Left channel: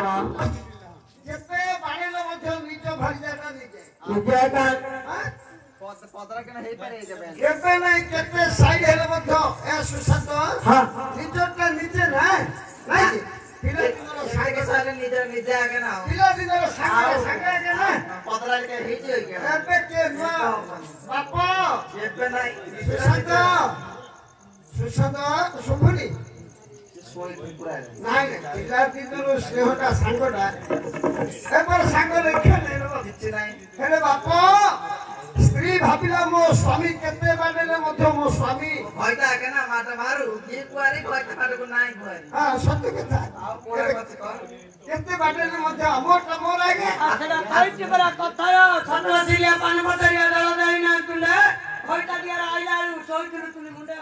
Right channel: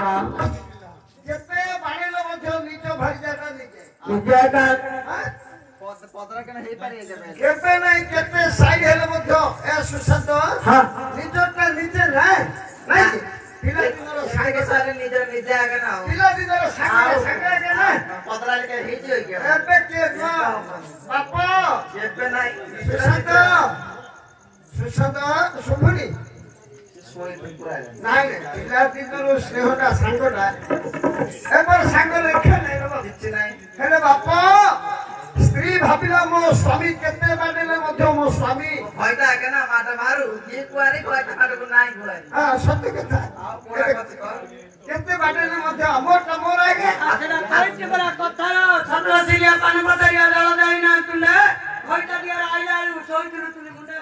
ଯେତେ ବାଣିଲେ ମଧ୍ୟ ନିଜ ଭାଇଜାଟା ନିଜେ କେବେ ନାଇଁ କେତେ ସାଇଡ ହେଲେ ମଧ୍ୟ ଏ ସୁଶାନ୍ତ ନିଜଟା ନିଜେ ନାଇଁ ପିଲାଦିନର ସାଙ୍ଗେ ସାଙ୍ଗେ ନିଜ ନିଜେ ଆଗେ ନା ପିଲାଦିନର ସାଙ୍ଗେ ସାଙ୍ଗେ ଆଗେ ନା ପଦରା ଟିକେ ହେଇଛି ଏବେ କିଏ ନୂଆ ବାପ କେବେ ନାଇଁ ସୁଶାନ୍ତ ଶୁଭୁନି ନାଇଁ ପିଲାଦିନର ସ୍ନେହଟା ସାଙ୍ଗଟା ଏবার ସାଙ୍ଗ ଲେଖା ନାଇଁ କିଛି ନାଇଁ ହେଲେ ବାପ ସ୍ତ୍ରୀ ଭାବିଲା ମୋ ସ୍ୱାମୀ କେତେ ବାଡେଲେ ମଧ୍ୟ ମୋ ସ୍ୱାମୀ ଭୟଟା ଆଗେ ନା ମାଟା ମାରୁ କିଏ କୁଆରି କୁଆରି ମାଟକୁ ନାଇଁ କୁଆରି ସତ୍ୟ କଥା କେତେ ବାଡେଲେ ମଧ୍ୟ ଆମଟା ମୋର ଆଗେ ସେଟା କହିଛି ପରା କଥାର ଛତ୍ର ସିରିଆ ପାନ ପତରିଆ ଜଳ ଦେଇ ନା ତୁଲେ ଭୟଟା ଦିଆର ଆଇଲା ଶୋଇଥିଲୁ ତୁଲି ମୁଣ୍ଡେ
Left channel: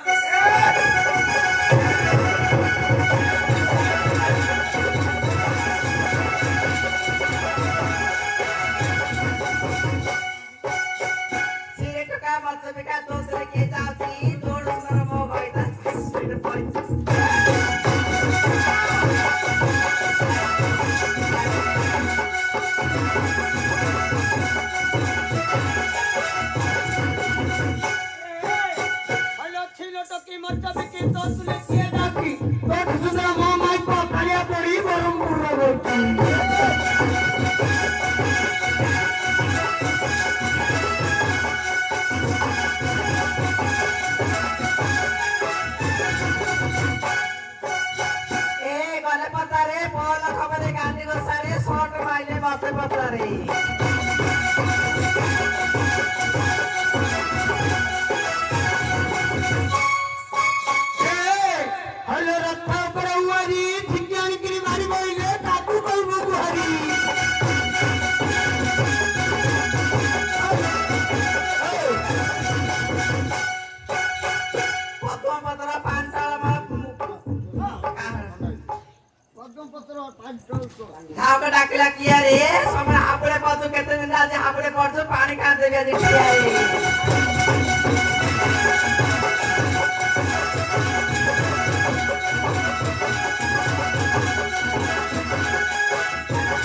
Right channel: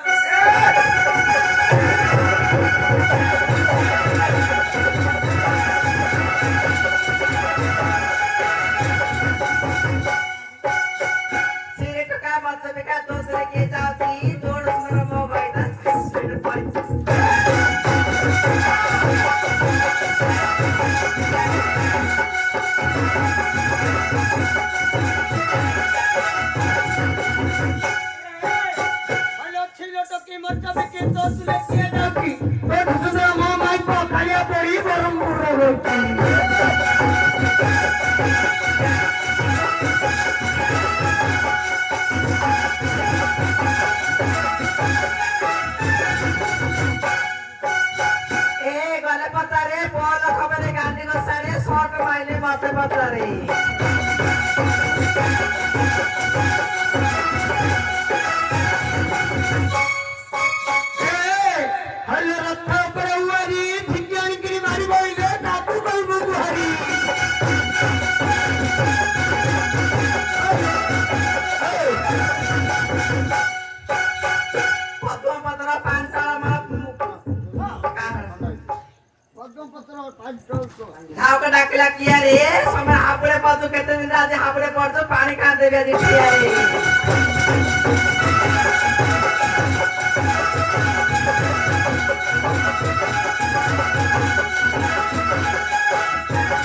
डाकिला किया रे समय हापड़े पदु केते दिन आज हापड़े पड़छो पानी का देबे आज किया रे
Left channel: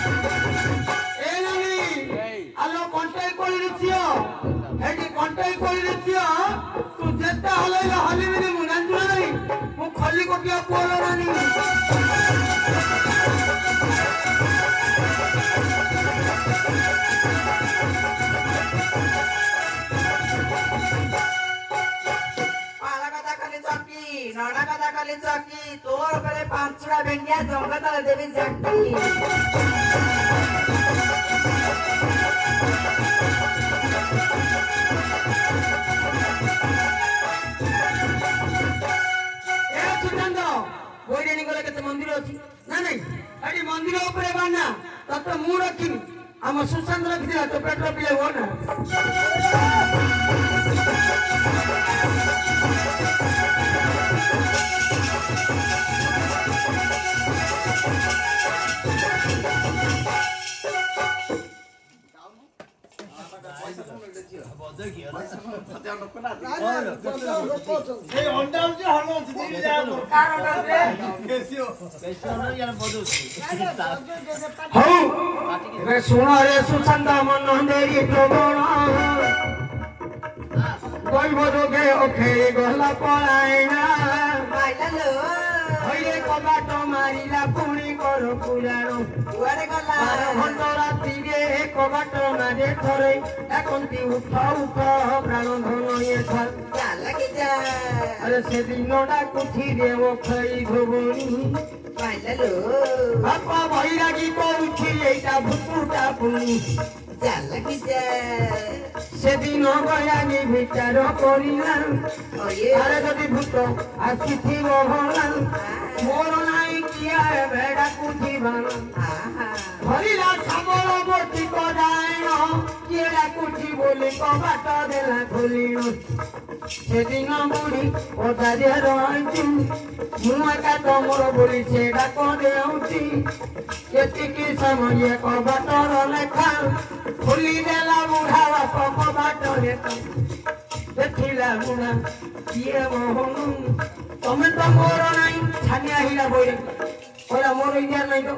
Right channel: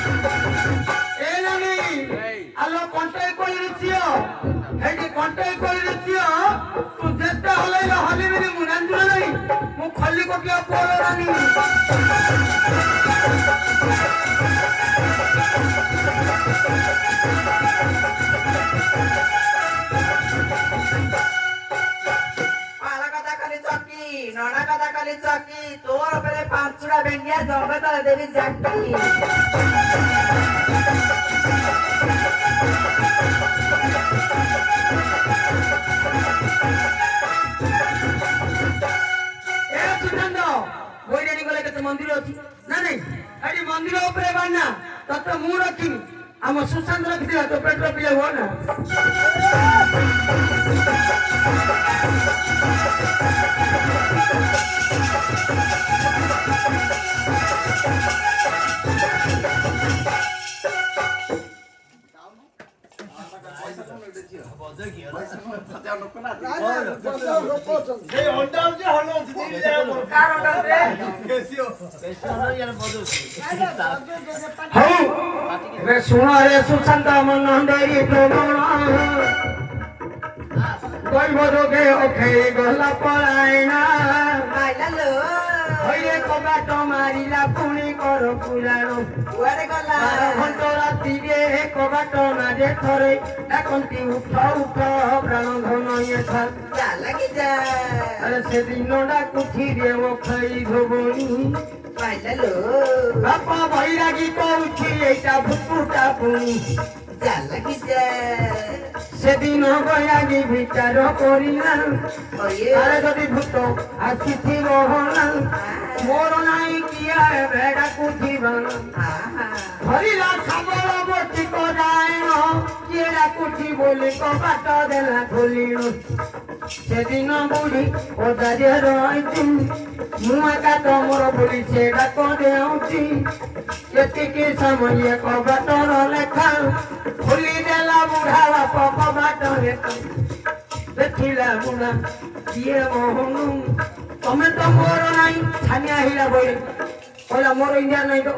ए नानी आलो कंट्रोल कोली रचियो हेडी कंट्रोल कोली रचियो तू जेते हलैलो हलिबिनी मुनांजु नाही मु खली कोटिया पोलो रानी चकी तोर परे पांचुड़ा बेंगिया जंगत देवी जाकी ए सुचंद गोइडेनी गले केते मंदिर अछि ना नहीं अडी मंदिर ऊपर बाना तत मु रखिनी हम सुचंद रखि दिला तो पेट्रोल पिए हो ना सुन रे सुचंद मन देरी प्रगण दैवरोगे अखे गला पलायना हइले कबाट मारिला पुणी कर पुराणो कुआरे गला 12 घंटा राती रे कबाट मारे थरे एकंती उठ उठ प्राण धन ये थर लागि जा अरे से दिनडा कुठी रे ओ खई भोबनी पाइला लो बापा भैरागी पउछि एटा भुकुटा पुणी लागि जा से दिन भैरागी विचार करिला अरे जदि भूत आसीथिबो होला मोर नाई किया भेड़ा कुठीबन हरिला सागर बर्ती करायण केड़ा कुठी बोली कबाट देला खोलिण से दिन बुढ़ी ओदारे रही मुआ का मोर बोली से डाक देउची एतिकी समय कबाटर लेखा खोली देला बुढ़ा बाप कबाटर देखिला मुना किए मोहन तमें तो मोर नाई छानिया हिला बोले ओला मोर इंडिया नहीं तो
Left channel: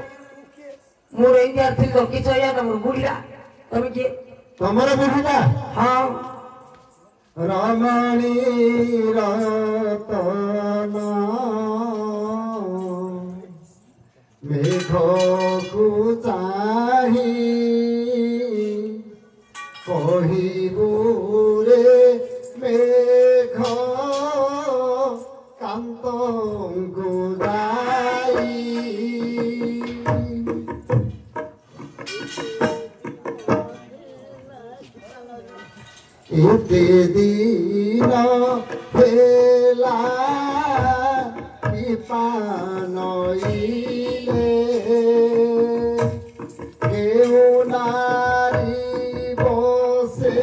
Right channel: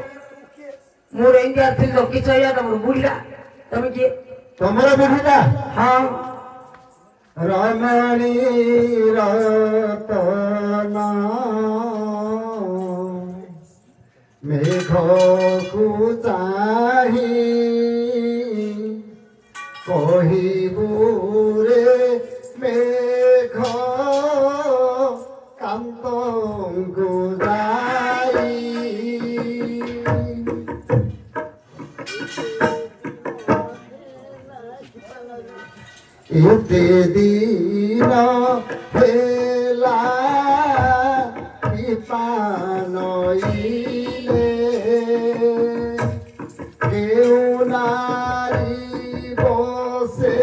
मोर इंडिया थी तो किछ या तुम बुढ़ा तुम के तमरा बुढ़ा हां रमणी रतना मेघ को चाही कहिबुरे मेघ कांतंगु जाई एते दिन हेला पिपानइले केउ नारी बसे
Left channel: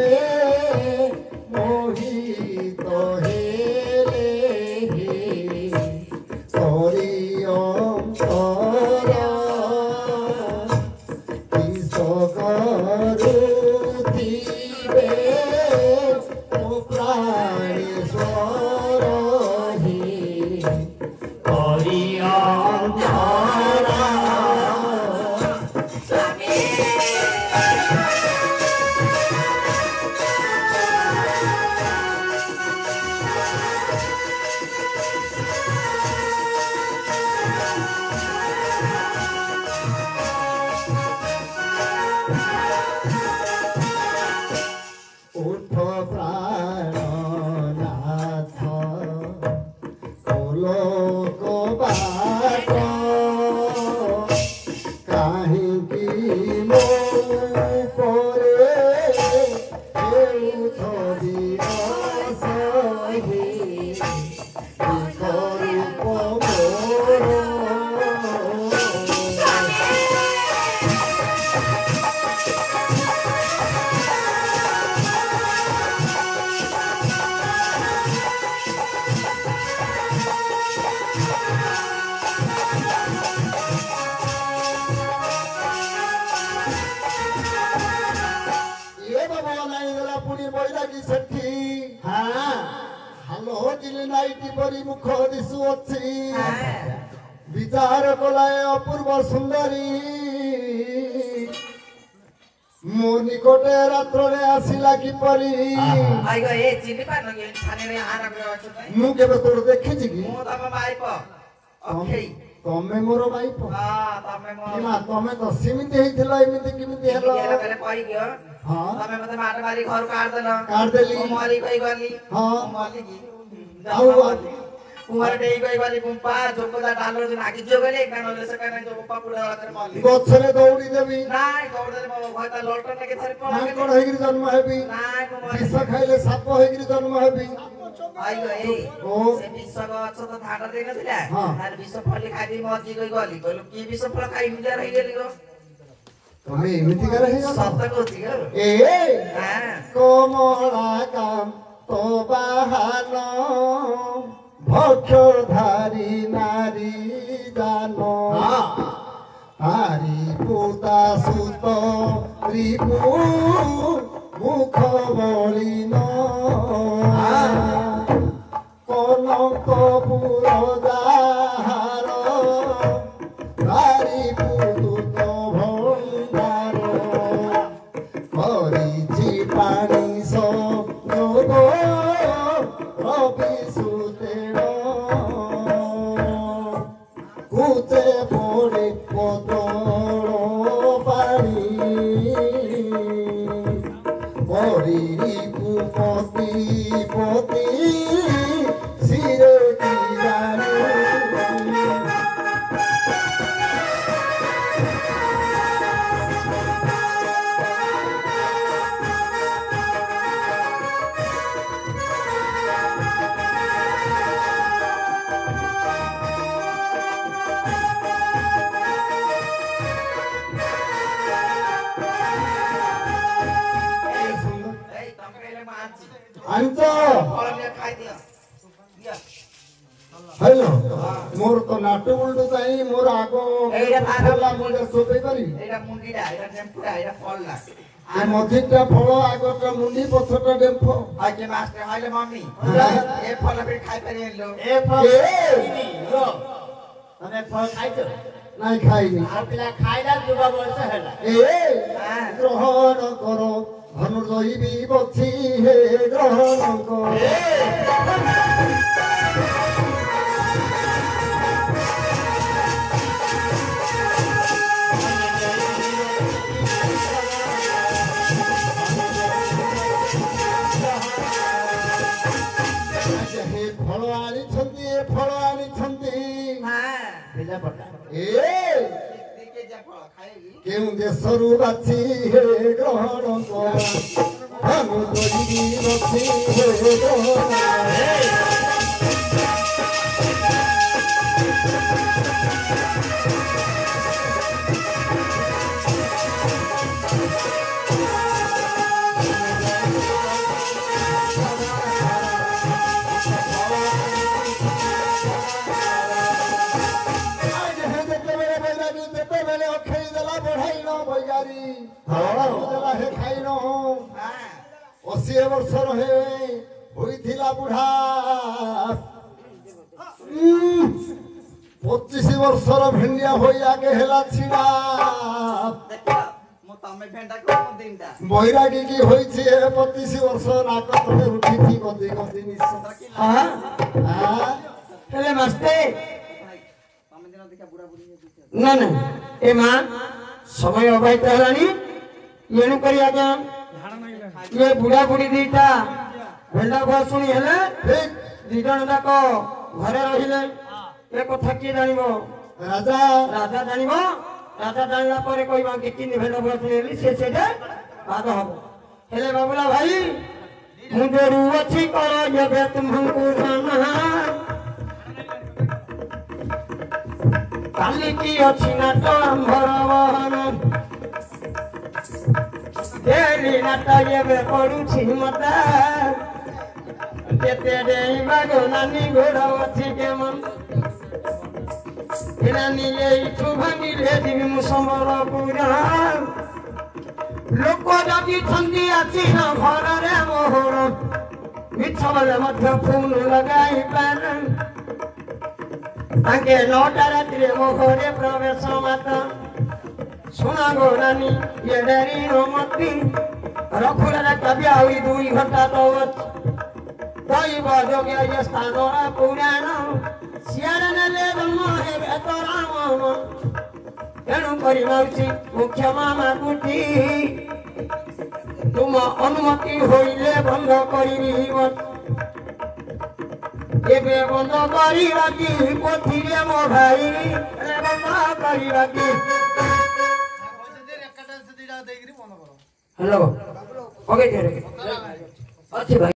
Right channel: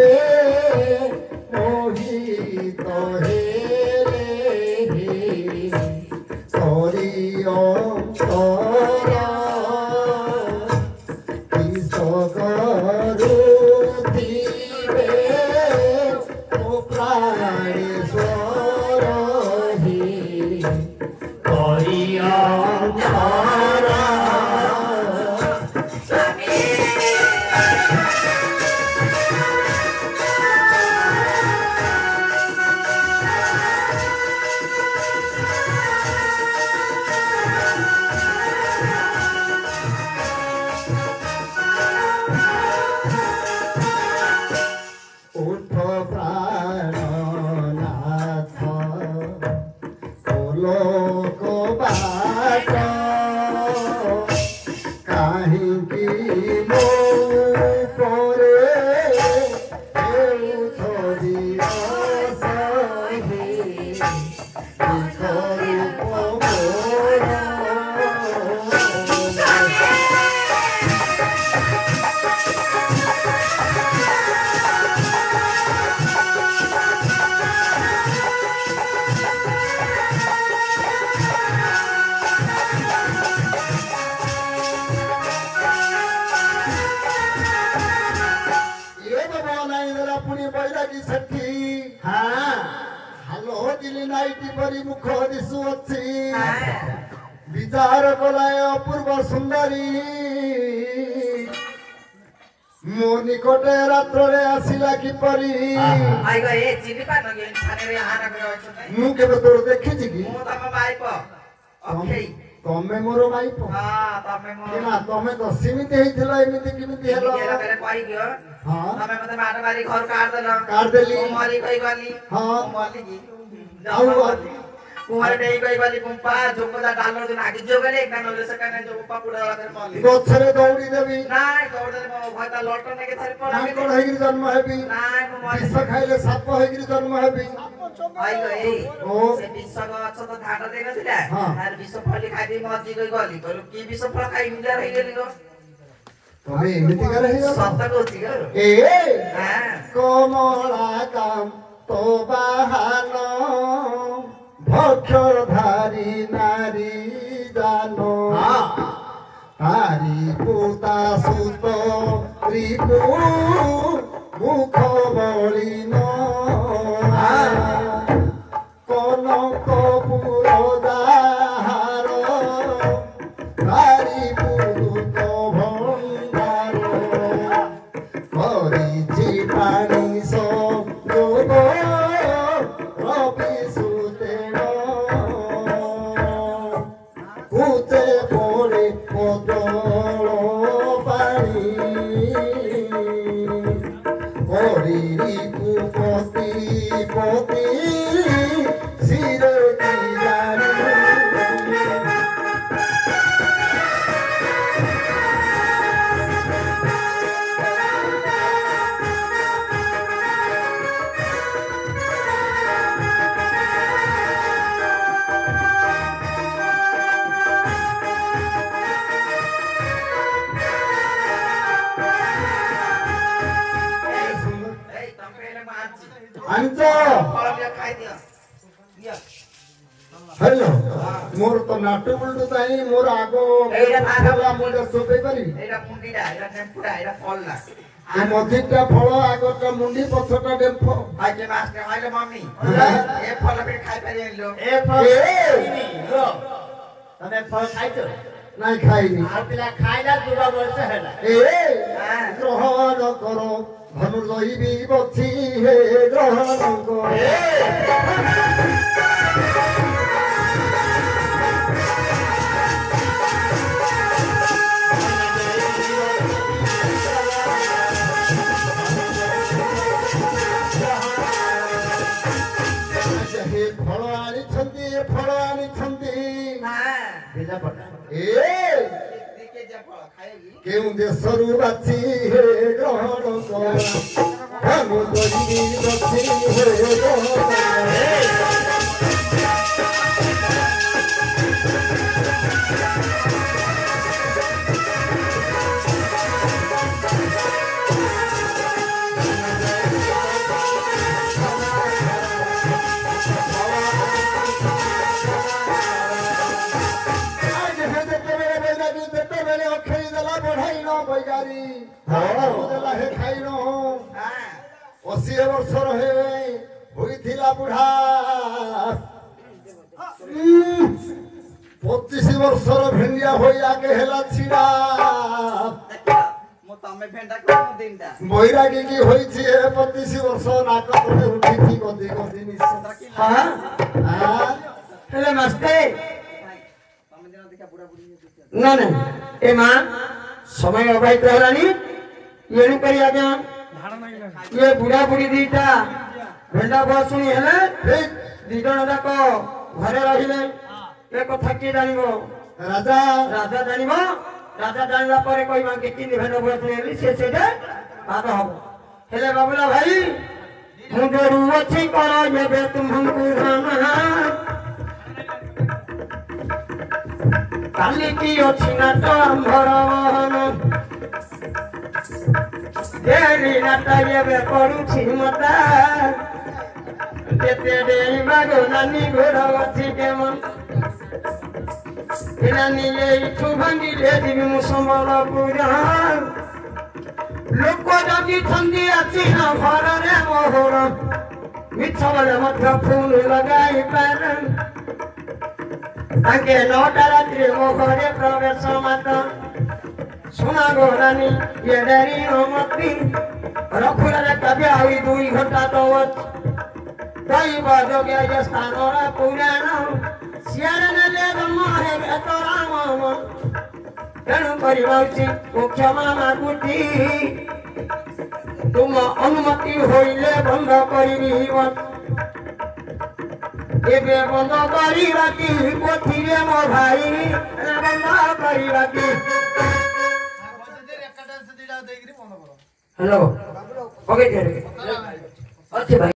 मोहित हेले हरिअंतर किसगरुथिबे प्राणेश्वर हि हरिअंतर उठ प्राणनाथ लोक बाट काहिंकी मो परे हेउथ दिवस हे विकरूप मोर पुणी बैरागी सेठी हाँ हालो दिली नाइटी परी मुख दिशु अच्छी विचार कलाय अपूर्व सुंदरी मो निकटे रात्रे आसिला किपरी मु केबे तोर देखिछि कि तमे मोर माइप ना तमे तो सीमित हेइथिला एमिति किमिति हेलो हां तमे मते मार मारी घर काट देली मारी कई गली हां माली की जाऊ कुमार डेई कई गली पुंपा जोकोदा डालो दिन आगे जो गले एक नले से कहना जो पुंपा पुडा वाला माली गछरे दौड़ी देबी नाय दौड़ दे भयता लटन के थारे पड़ा के कोन हेगिरी जन्म हेबी नाय विष खाइले साप हेगिरी जन्म हेबी आई गई ओ से विष गछ तो थाटा देन थिला तार विष फली खादी मजी गई गली कहलो की विष फल खाइ मुजा रहि गेली गो तमे एमिति करे हे सत्य कोथि ए हां कोमला काम तो बाहान भक्षधारी नारी जानो हारी पुता सुत रिपु मुख बलिन कनक पुरदाहार हारी पुरुत भंडार हरिछि पाणी संयोग रवि सुतेण उते पड़े कदल पानी हरि कुपति पति सिरे की जानी हेलो मोर तो नाटु उल्टू चाहि मोर आगो एटा फाला मुंडा सोपे करी एटा मुंडीडा एटा नेम्पुडा एटा फलला आ मझिटा फल आगोटा मुंडी पछटा डेम्फो आके मास्टर आइले मम्मी ए फल पे खाइ पारि लो ए फल लो तने फल खाइछो নাই খাইনি আর পিলা খাইলা দুটো বলছ হেলা এ গ্রহণ করো ধনু লইবি বছি হে গ্রহণ করো ফল আনিছন্তি ভেজা পটা এ কেউ দেশরু বাছি হে গ্রহণ কর ধনু লইবি বছি হে গ্রহণ অশী বর্ষর হয়েছিল বুড়া 25 বর্ষর ভেন্ডিয়া হয়ে আগে হেলা ছিড়া বৈরাগী কি হয়েছে 25 বর্ষ নাক ধরে উঠিছি গদি গদি হেলে মাস্তে না না এ মা সময় অবাহিত হেলানি এণু করি আজ্ঞା ये बुढ़ा बुढ़ी दीटा भेंडा बुआ शुणी हेले दी जन जाक घरे रहिले ए कथा किए जानिबो राजा राजा जानिबो राजा जानला परे कहबा कि किनी भेंडा बुआ शुणी हेली से सेटे बात हबो हेले बाबुला भाई मुंडरू अछि करो जेबे तुमहु जाना काली की अछि ना तो अंबर बहन देरी नाटा ये पड़ुछि मता केते देई बागो नानी घोड़ा अछि केमन नानी ये छु भांगी ले दिबि मु संबलपुरा लोक जदि ठंडी अछि ना घर रे मोहर मिछबले मध्य फूल लगाई पान ताके 9टा रात्रि मो घरे प्रवेश माता सुना गो रानी ये डेरी मती रखुला कभी आई 2 घंटा तो कई बाजो गया ये स्थानोरा पुराण सियार ने ले मोहे तोरा माम तेणु करी माउची मुख्य मामा गुटी तुम अनुमति होइले बंद करी मत एबे बंद करी राखी कोठी रे मो भाई बंद करी राखी हेलो ओके अच्छे भाई